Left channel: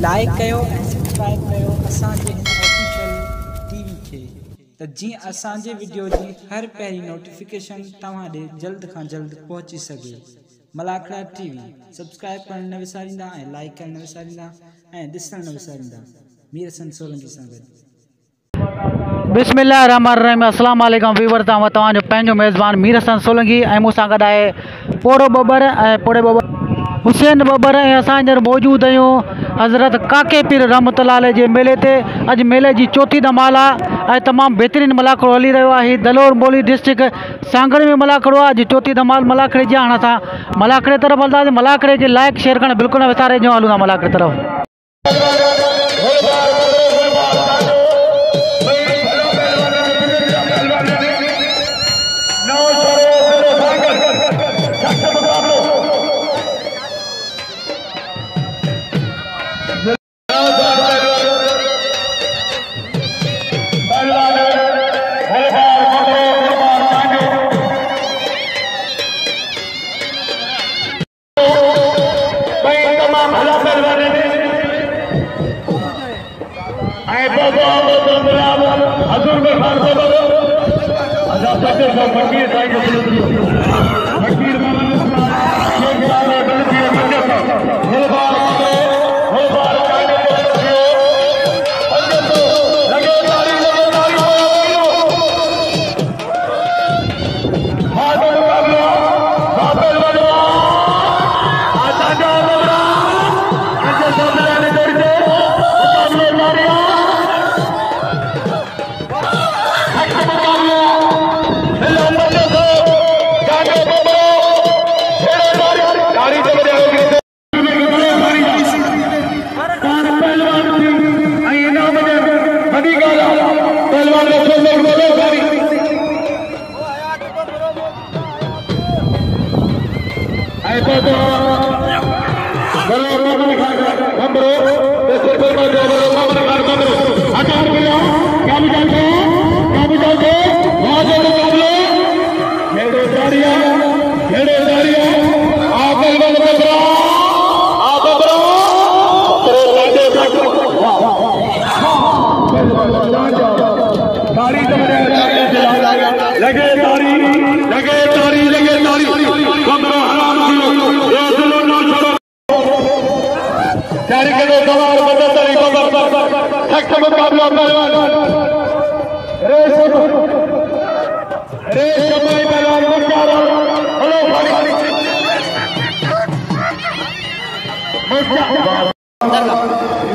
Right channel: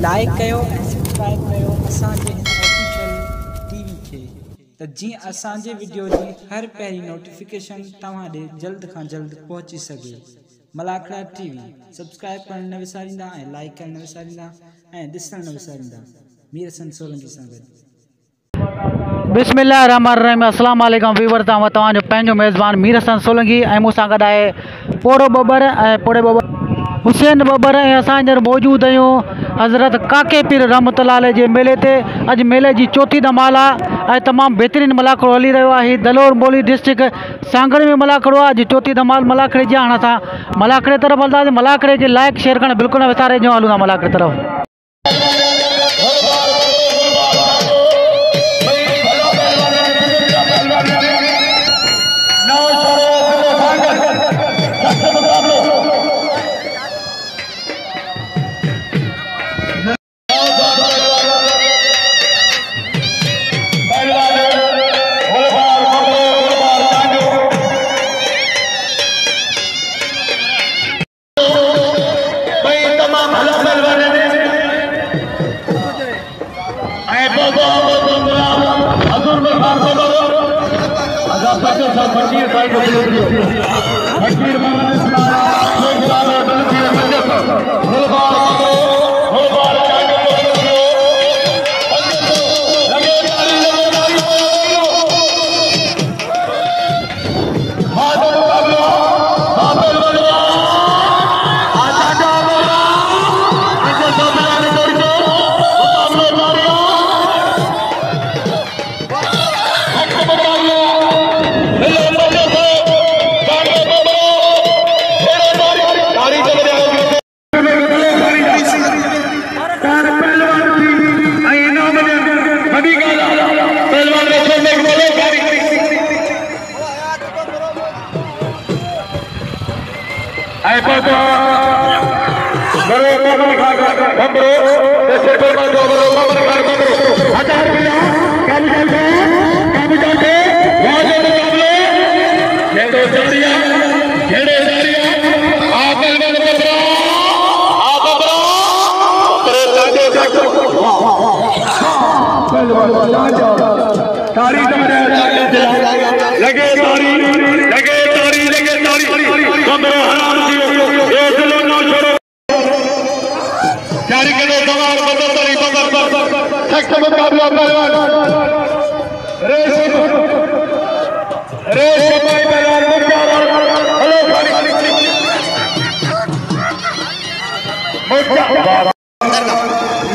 Like कयो ऐं subscribe कयो असांजे हिन ऑफिशियल टीवी खे त जीअं असांजे वीडियो जी हर पहिरीं नोटिफिकेशन तव्हां ॾे जल्द खां जल्द पहुची सघे। मलाखड़ा टीवी सब्सक्राइब करण न विसारींदा ऐं लाइक करण न विसारींदा ऐं ॾिसण न विसारींदा। मीर हसन सोलंकी सां गॾु। बिस्मिल्लाहिर्रहमानिर्रहीम। अस्सलाम वालेकुम वीवर, तव्हांजो पंहिंजो मेज़बान मीर हसन सोलंकी ऐं मूंसां गॾु आहे पोड़ो बबर ऐं पोड़े बबर हुसैन बबर ऐं असां हींअर मौजूदु आहियूं हज़रत काके पीर रहमतुल्लाह अलैह जे मेले ते। अॼु मेले जी चौथी धमाल आहे ऐं तमामु बहितरीनु मलाखड़ो हली रहियो आहे। दलोर मोली डिस्ट्रिक्ट सांगड़ में मलाखड़ो आहे। अॼु चौथी धमाल मलाखड़े जी। हाणे असां मलाखड़े तरफ़ हलंदासीं। मलाखड़े खे लाइक शेयर करणु बिल्कुलु न विसारे जो हलूं था मलाखड़े तरफ़।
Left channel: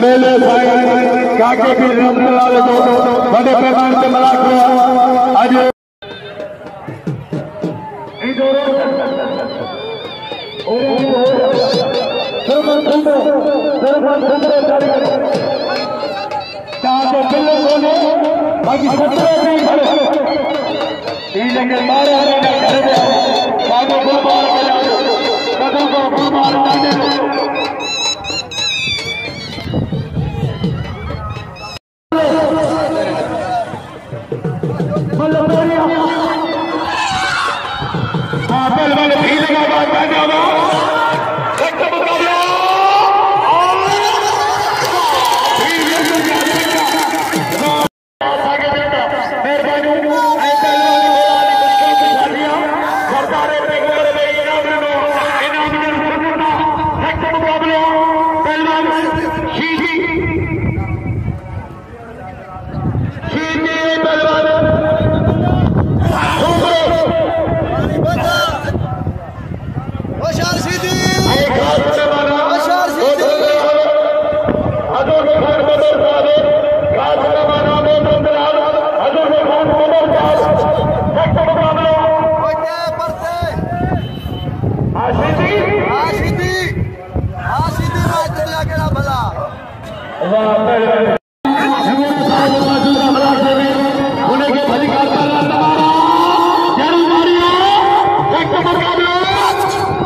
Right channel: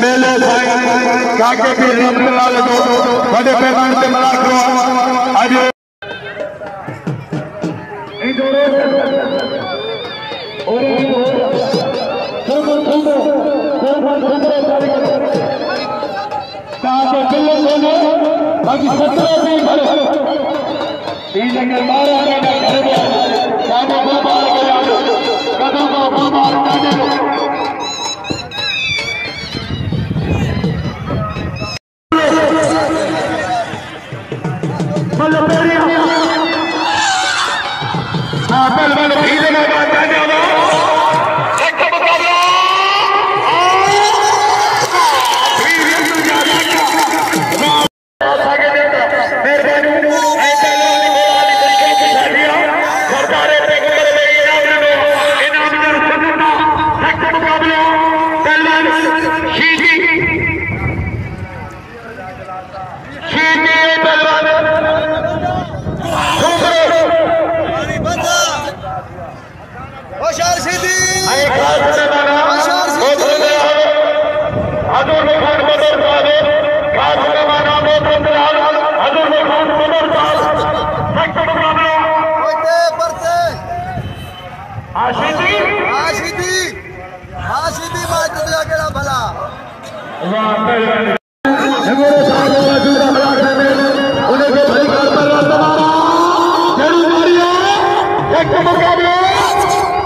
मेले काके पीर रहमतुल्लाह अलैह बड़े पैमाने पे मलाखड़ो आज बाकी 17 भी खड़े मारा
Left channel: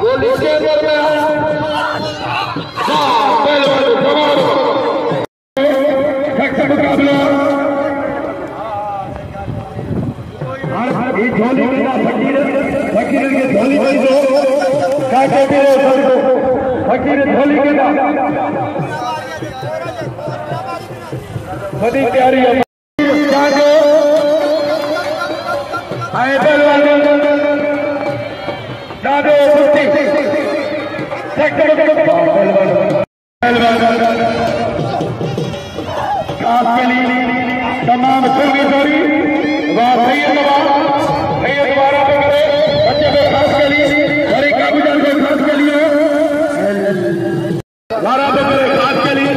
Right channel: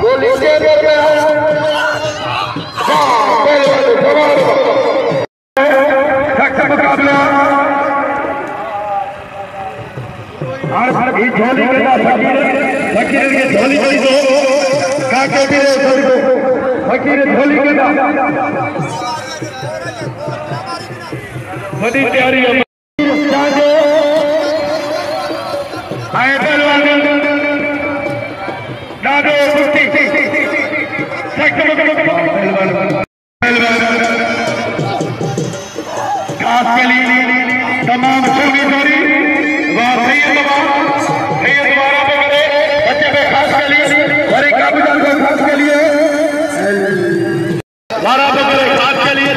गोली से मुकाबला झोली फकीर के झोली काके फकीर झोली के बड़ी तैयारी है आए पहलवान दादो कुश्ती खास के लिए तमाम शोभेदारी बच्चे पे खास के लिए बड़े काबूदार को खास के लिए वारा बकरे खास के लिए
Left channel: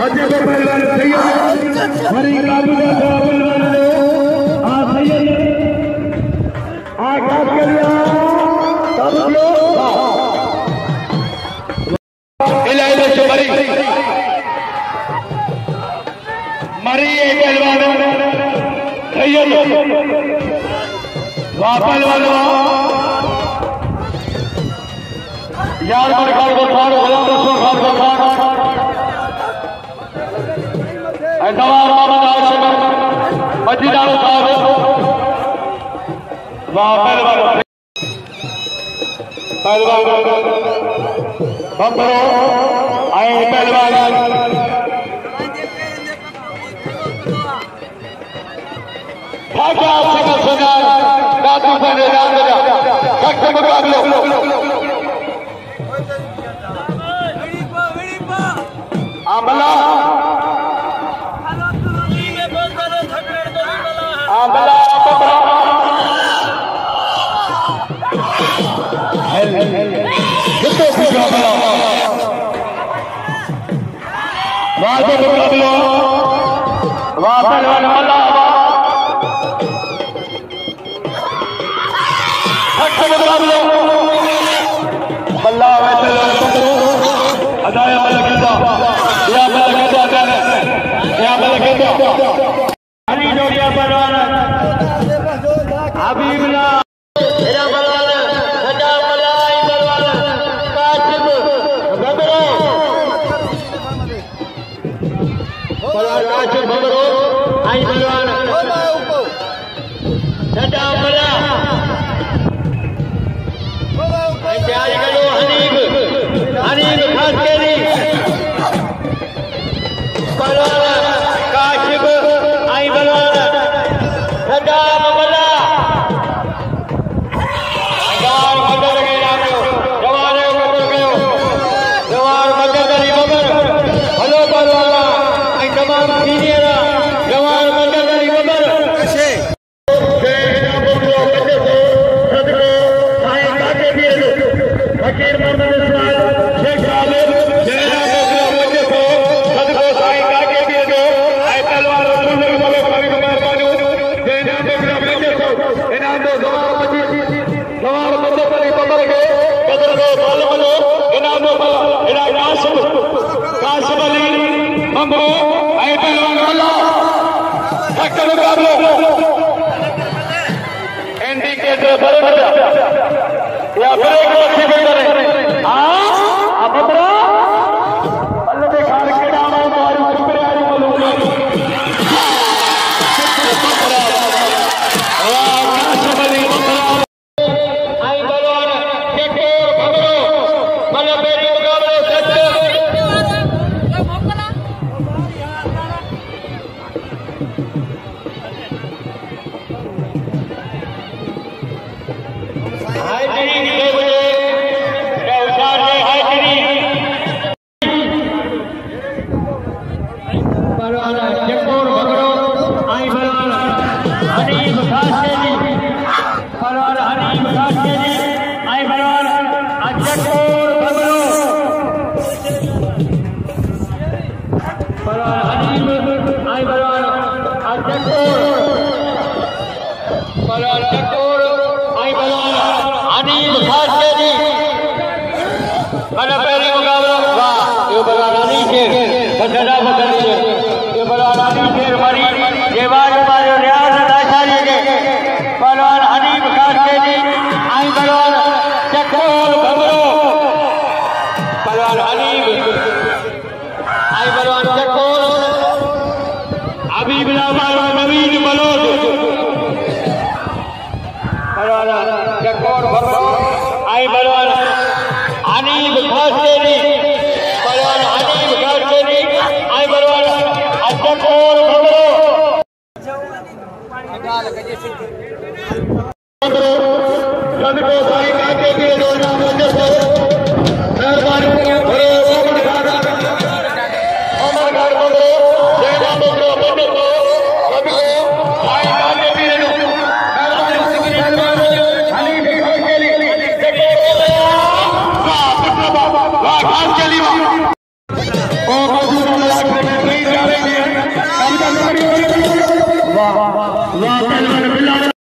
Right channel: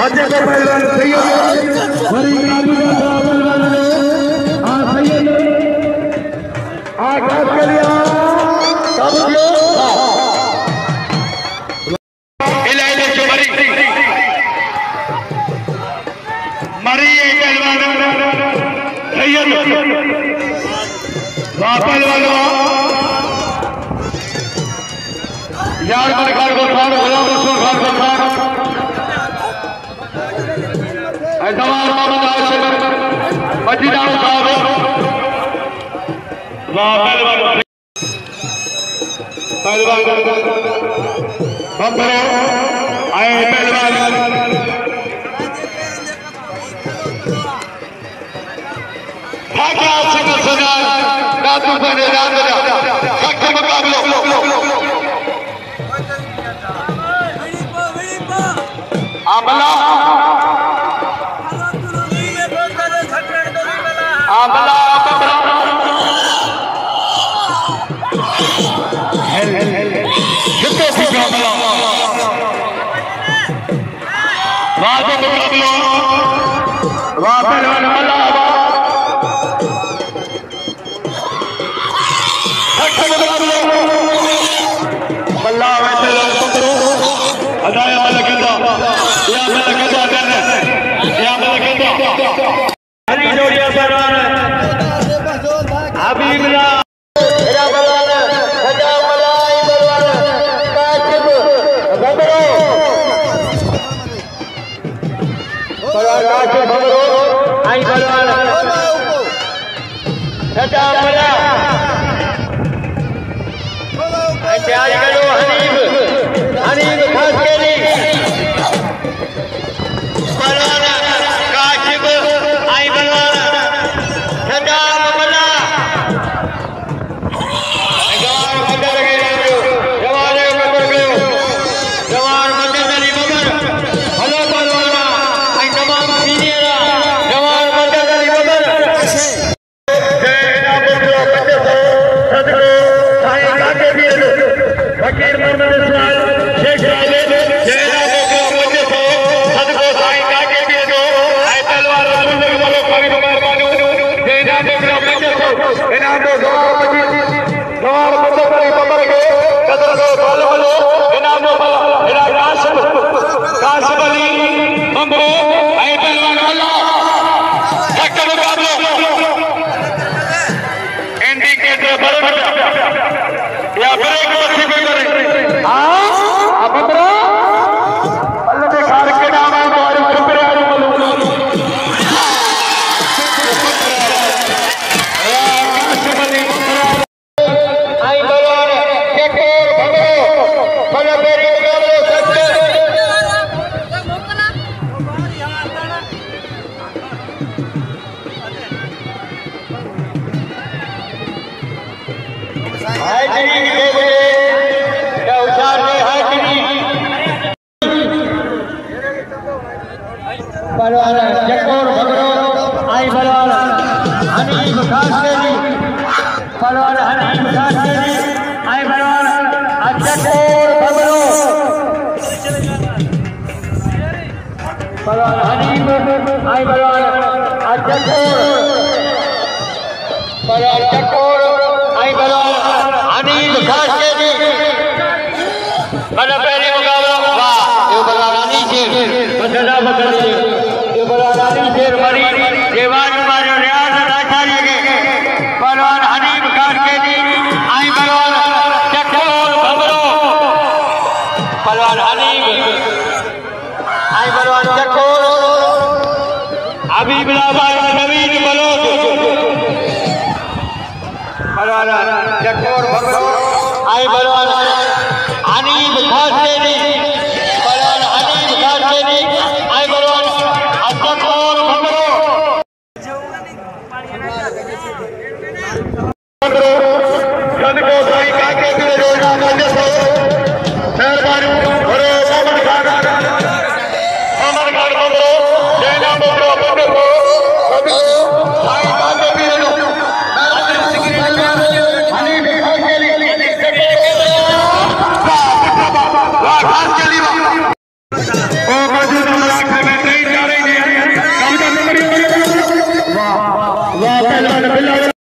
बच्चे पे पहलवान बड़ी काबूदार सैयद खास के लिए मरी पहलवान यार बड़े खान को खान गुलाम रसूल खान को खान ऐतवार मोहम्मद हाशिम मजीदार साहब पहलवान बम्बरो आए पहलवान दादू बने मुकाबलो आमला आमला कितने से मुकाबलो वाह पहलवान वाला पहलवान हनीफ खान के जी आई बलवान चकोर आई बलवान हनीफ खासकेनी बलवान हनीफ खासकेनी आई बलवान अब्बकोर गंद को साईं काके के रोजा मजे से मेहरबानी भरे अमन खान बंदरो देना बंदरो बंदरो सबको साईं काके के रोजा मेहरबानी सिकरी अल्लाह हनीफ खासकेनी वाह खासकेनी ओ मौजूद मलाक में ट्रेन जा रही है काम का वाह वाह पहलवान बिल्ला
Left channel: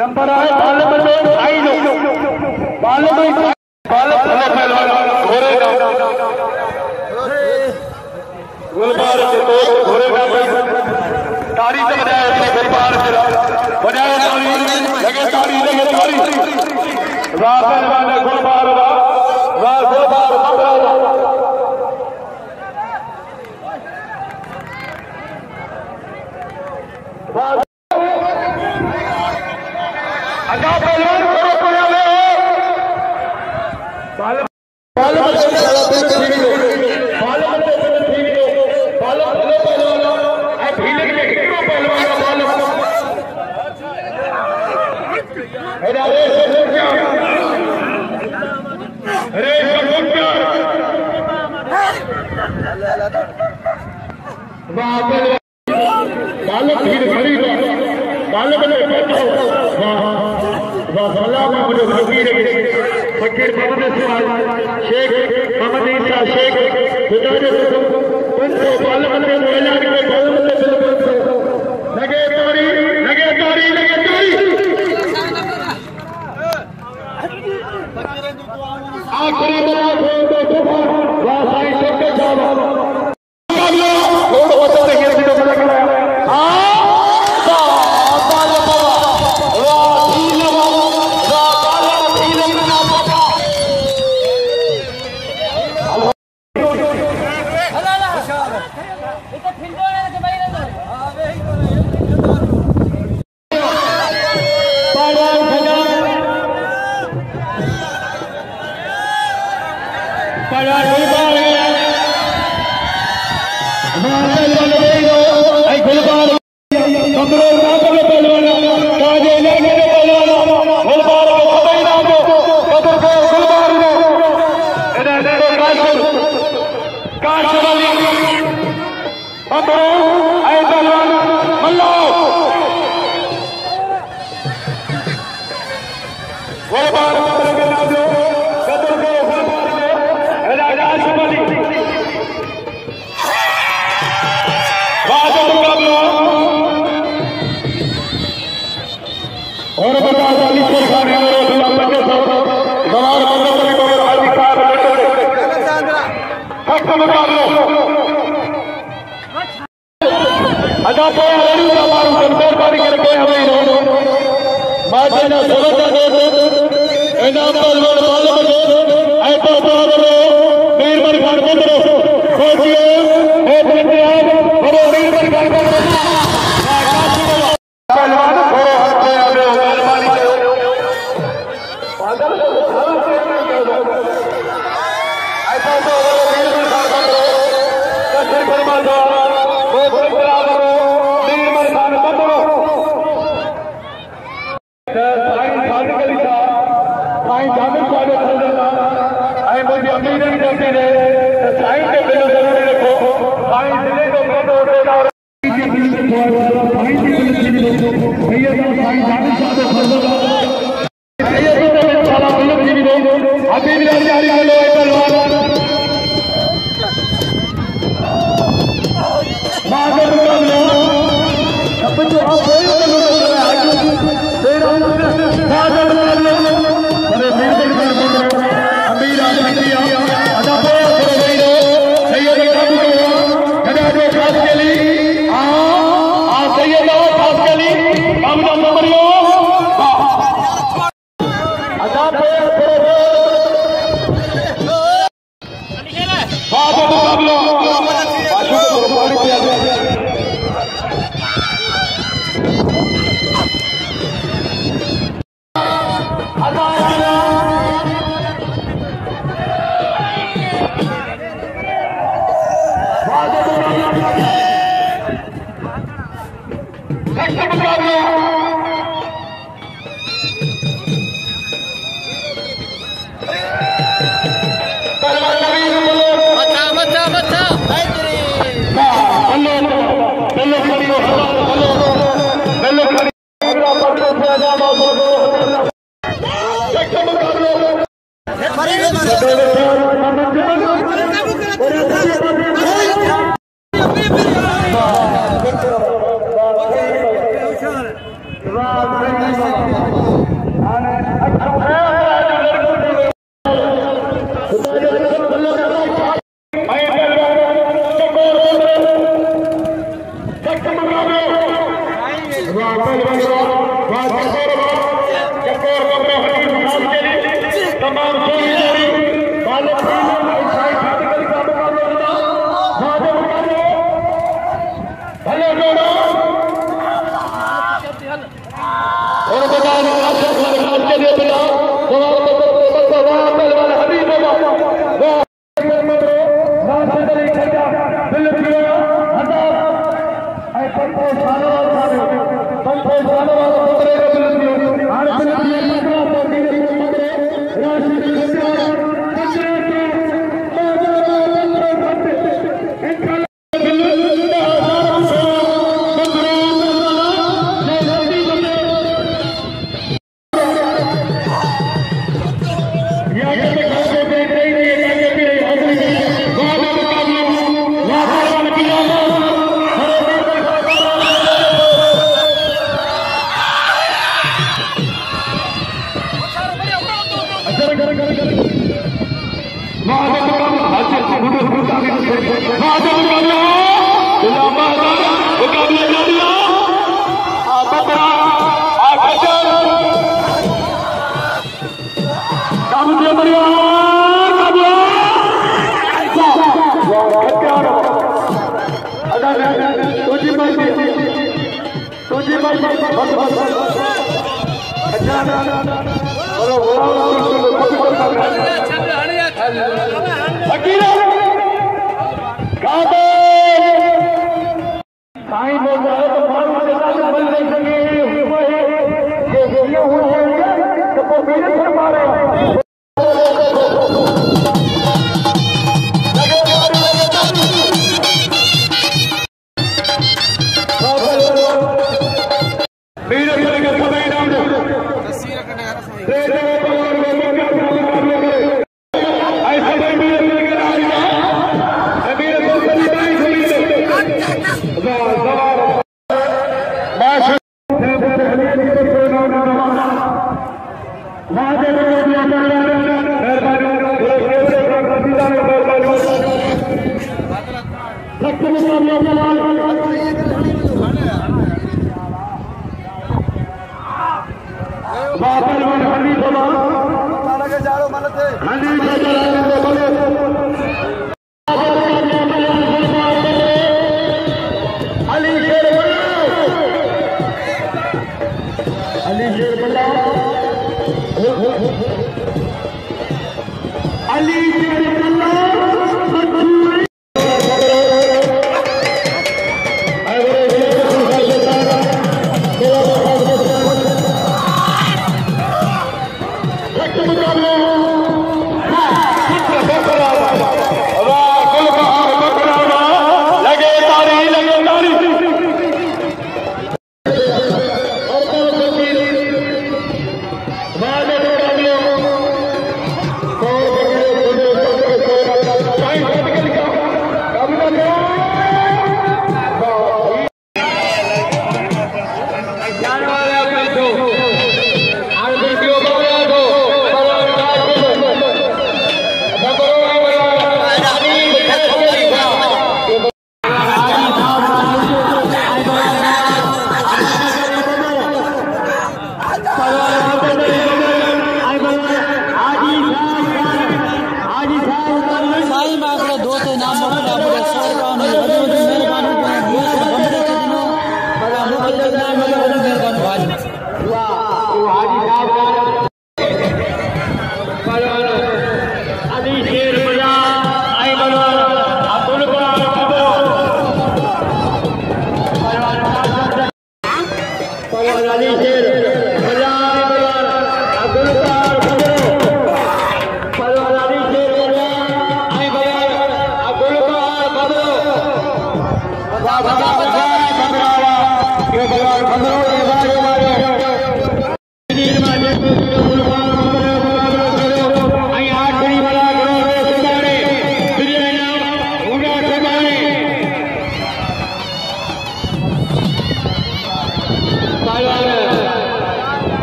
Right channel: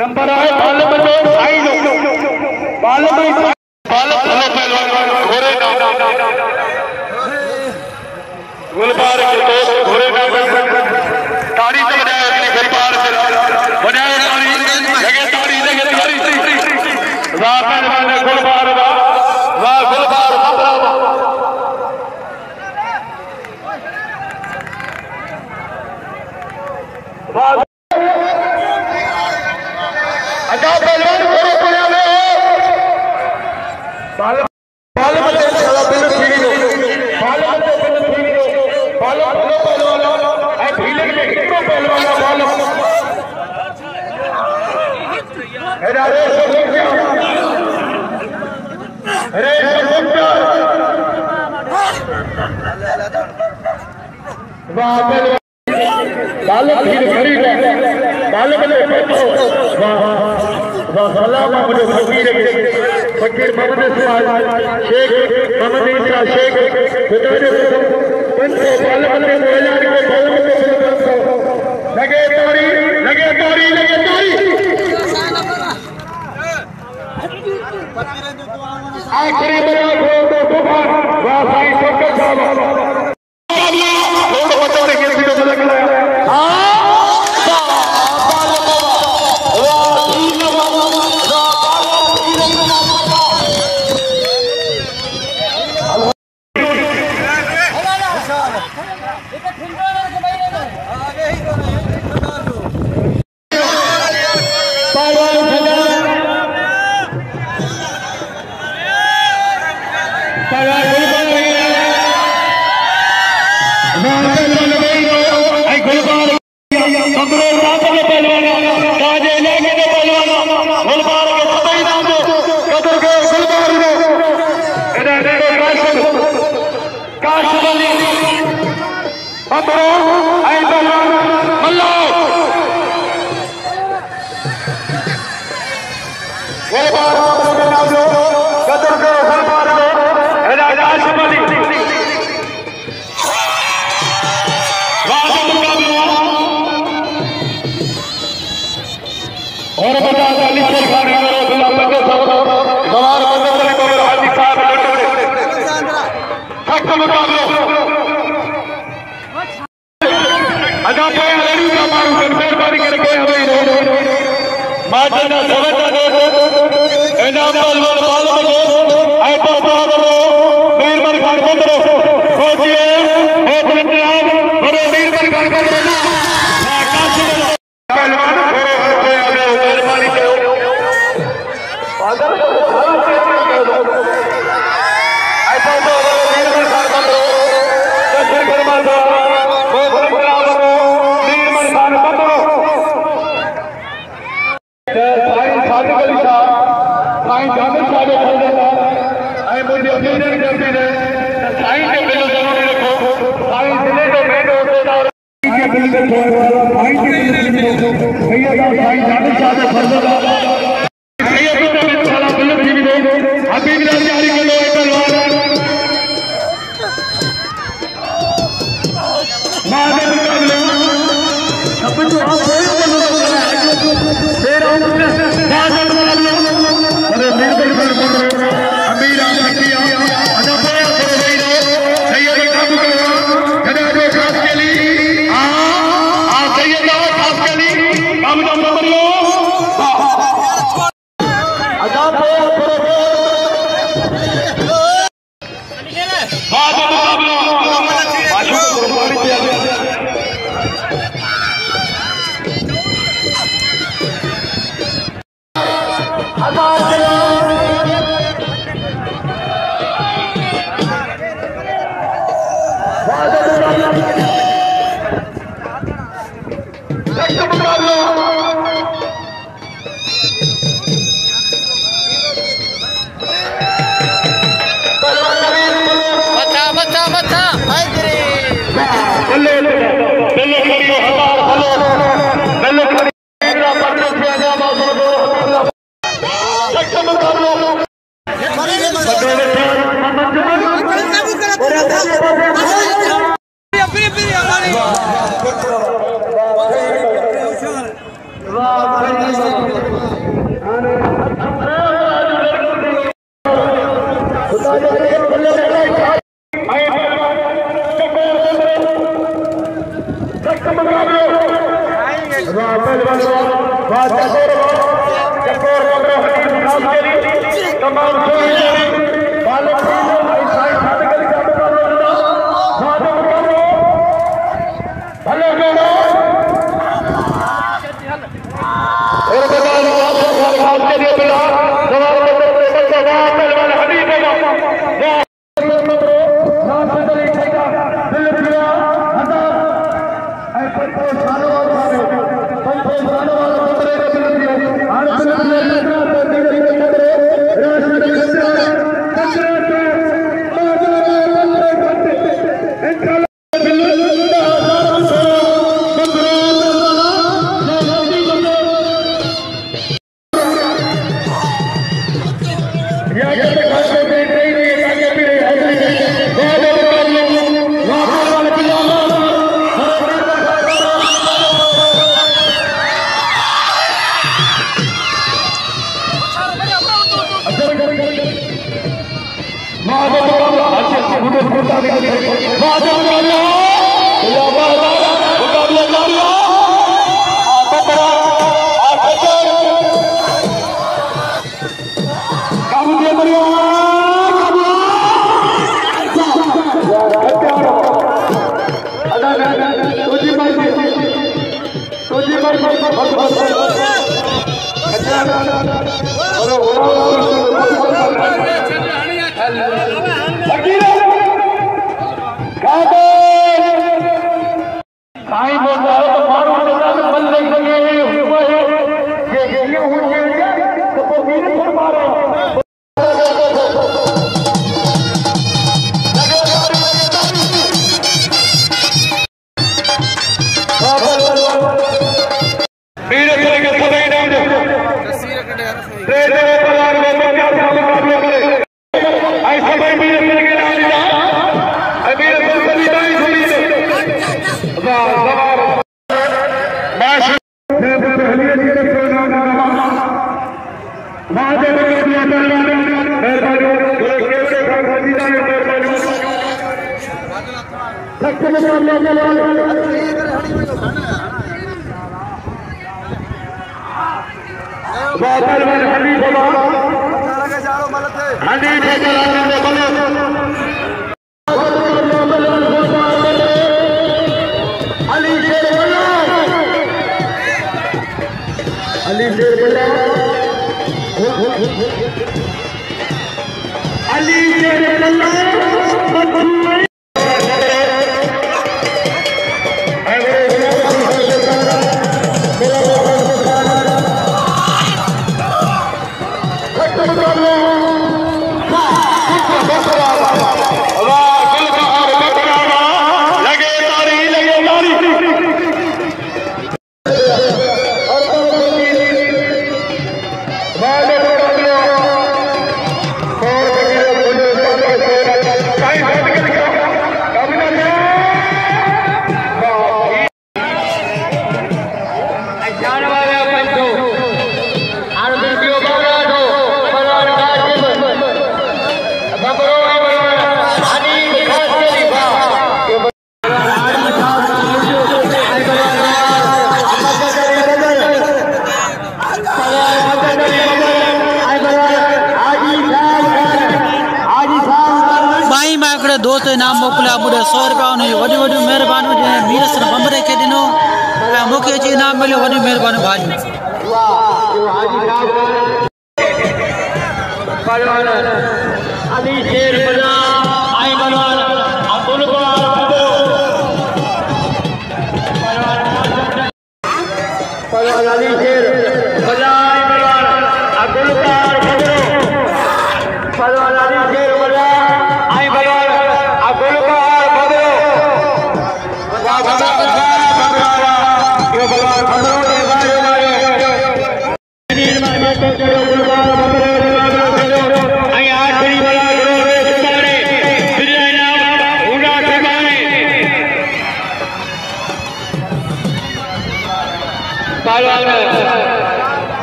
नंबर आए पार्लियामेंट में आई लो पार्लियामेंट घोड़े का गुलबार घोड़े का तारी से बजाया उसने गुलबार बजाया तारी लगे तारी लगे तारी रापन वाले गुलबार वाह गुलबार अदा पहलवान करो पुणे में पार्लियामेंट में खड़ा बिल ठीक है पार्लियामेंट में बिल ठीक है पार्लियामेंट पहलवान है भीले के कितने पहलवान अरे अरे सब क्या अरे सब क्या वाह बालक भीड़ खड़ी है बालक ने बैठा वाह वाह मुझे फकीर फकीर मोहम्मद सुभाष शेख मोहम्मद इंदिरा शेख खुदाने पंचो बालक ने ऐलान के बहुत लगे तारी लगे तारी लगे तारी आखिरी बड़ा खोल दो तूफान वाह साईं छोटे साहब छोड़ होता है ये तो मजा लगा हां अदा पे लड़ी का मारू मेहरबानी करके हमें माटे ना सेवक दे इनाम का लोन मालूम है ऐ तो बाबरो वीरमल खान बंदरो सोचिए ओ पंजाब और वीरमल खान बंदरो काशिम पहलवान थोड़ा हट पे आवे मेहरबानी करो पागल को खड़ा कर दो ऐसा तो वीरमल खान बंदरो कैसे फरमा दो वो पंजाब वीरमल खान बंदरो साईं जामिर साहब ऐं मुंहिंजे अमीर बि कंदे रहे साईं जो बिल ज़रूरु लिखो साईं जिले जो मेन उहिदेदार के बिल लिखो साईं के बिल लिखो भैया साईं जामिर साहब फर्ज़दार भैया तो साला बिल भी दो हबीब लाल जारी करो पहलवान मां ने मुकाबला सब जो आप दे रहा हूं Let's दोस्त इनाम मोकिलिया ॿुॾे 100 रुपया उन वॾी वॾियूं महिरबानियूं जंहिं मीरसन बंबरे खे ॾिनो ऐं मूंखे अची इनाम मिलियो वॾी महिरबानी भाॼी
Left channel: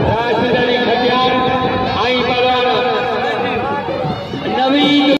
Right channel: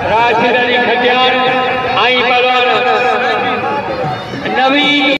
राशिद अली खटियार आई नवी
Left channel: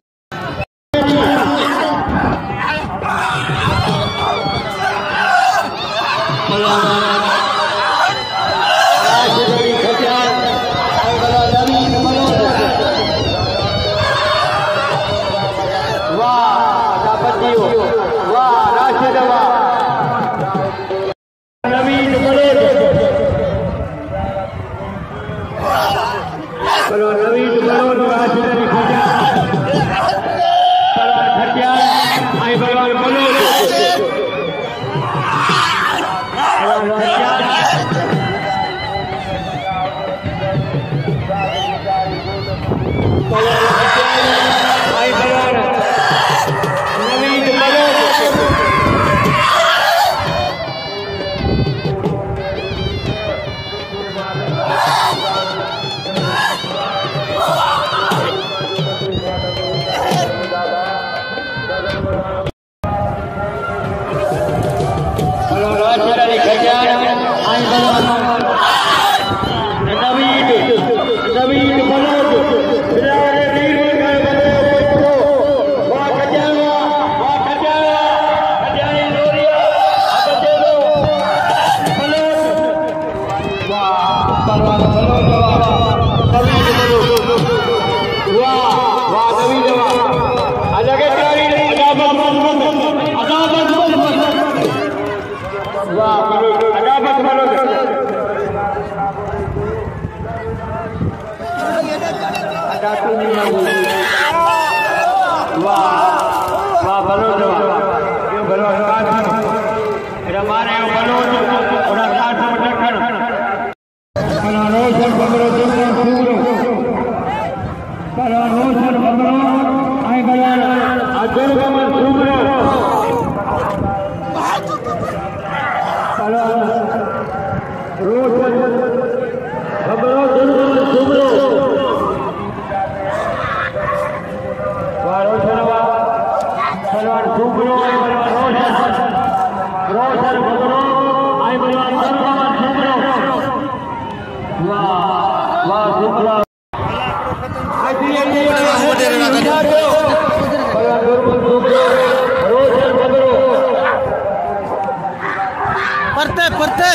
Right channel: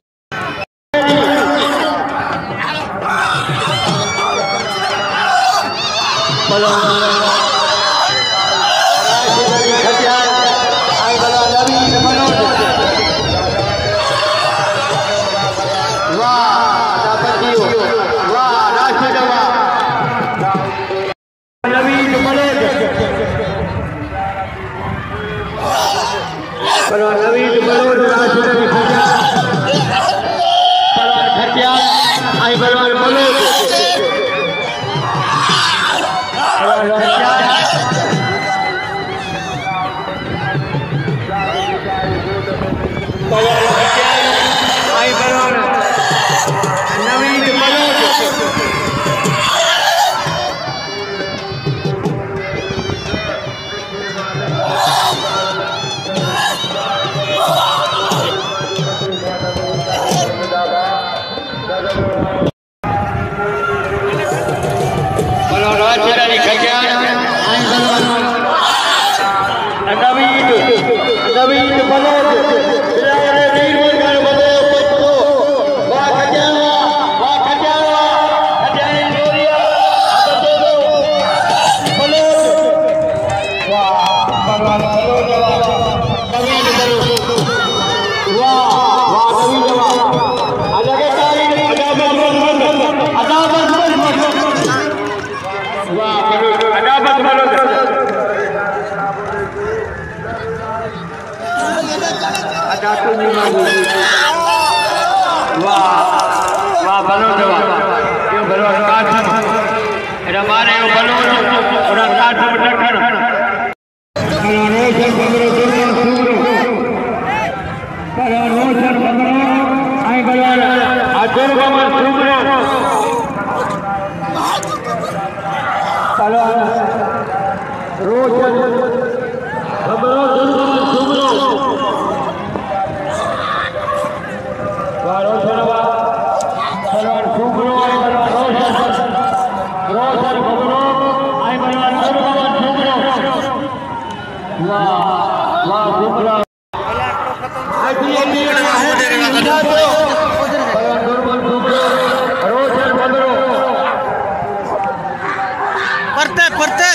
परते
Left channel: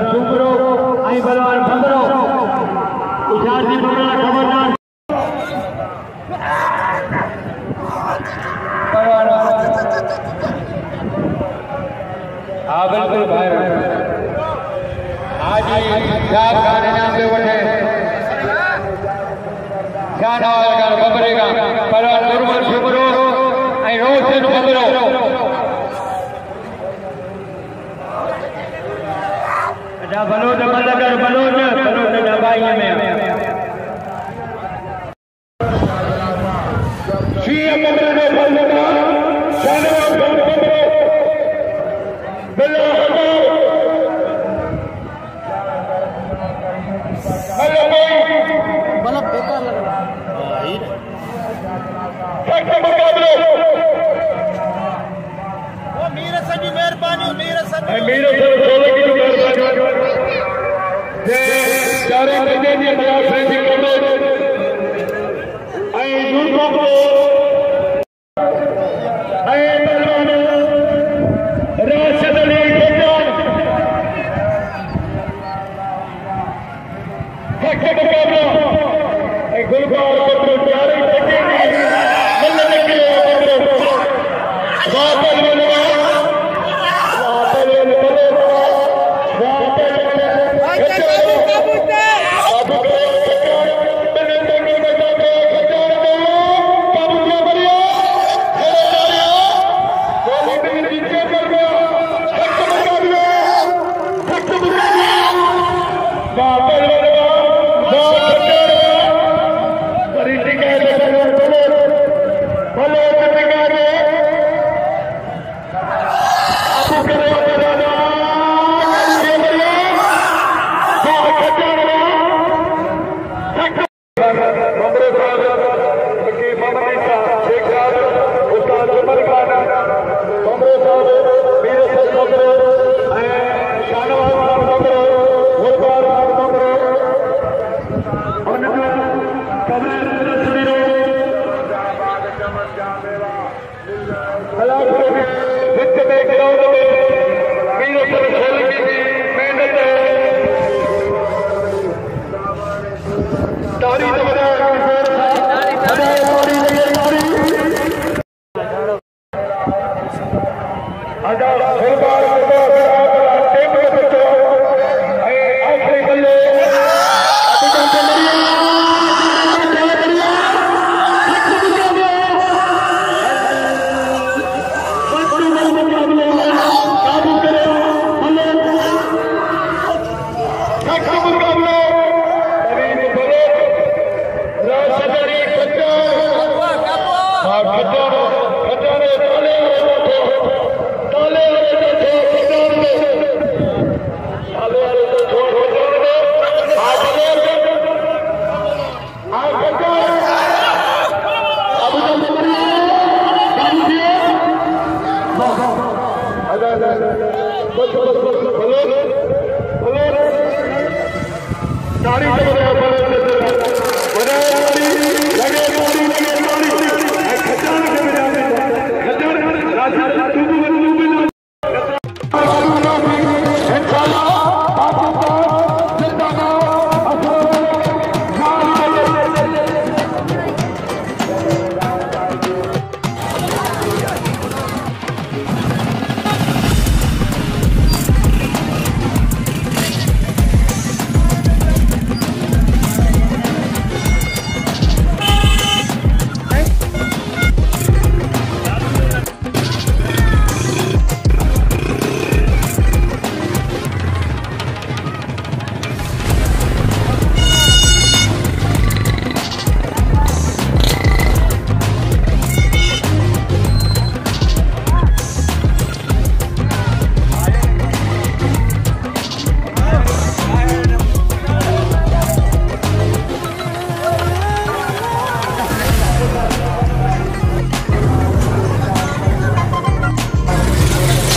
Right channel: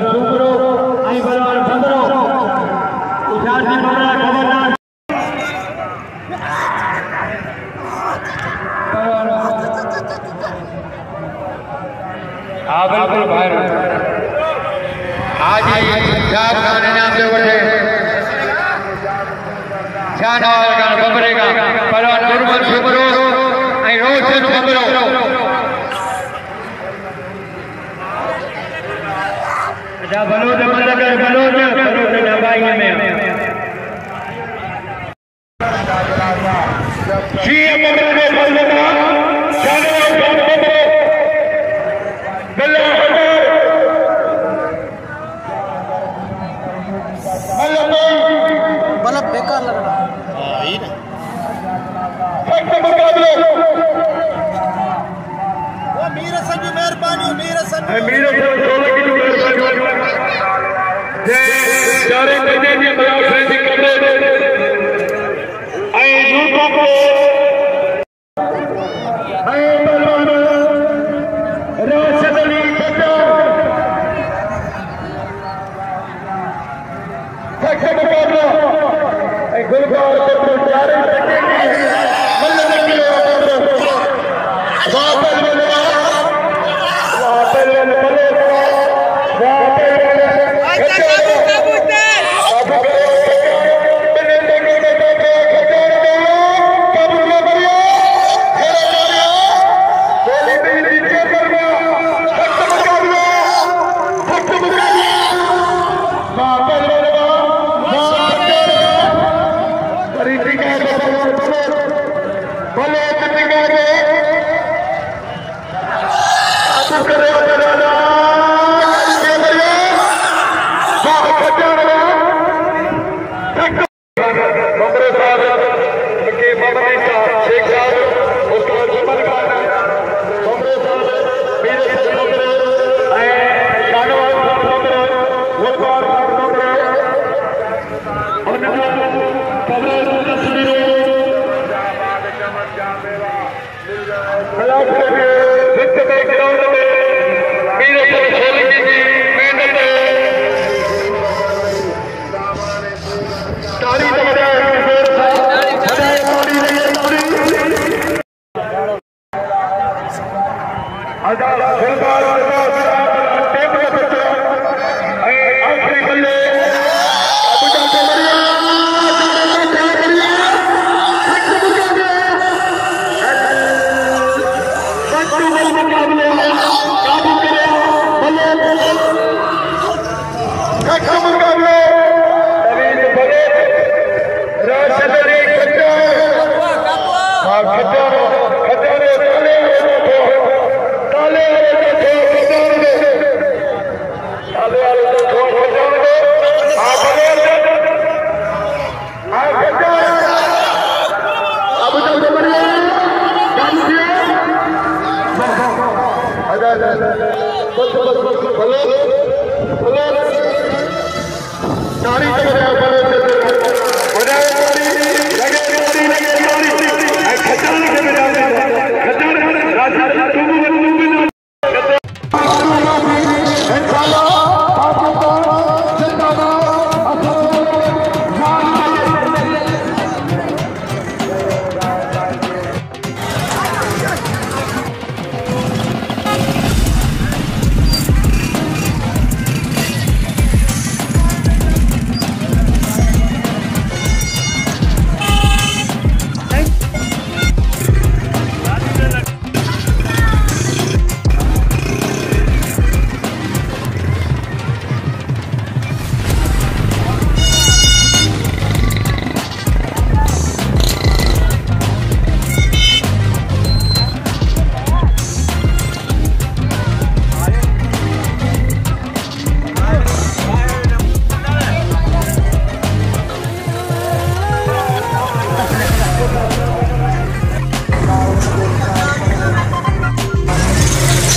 बलवान सुपरो आई बलवान भद्रो इजाजी बकरा खबरदार हाँ बिल्कुल भाई आज चार खान इनाम से बढ़े शानवार बबरेगा पहलवान दुर्मन सुपरो आई रोशन बबरो अच्छा बलोद मलकर बलोद नबाई में शीया बबरो में बलोदा शानवार बबरो बल्ला बल्ब बेकार लग रहा चारे महीने में बराबर फैसले कर Come on.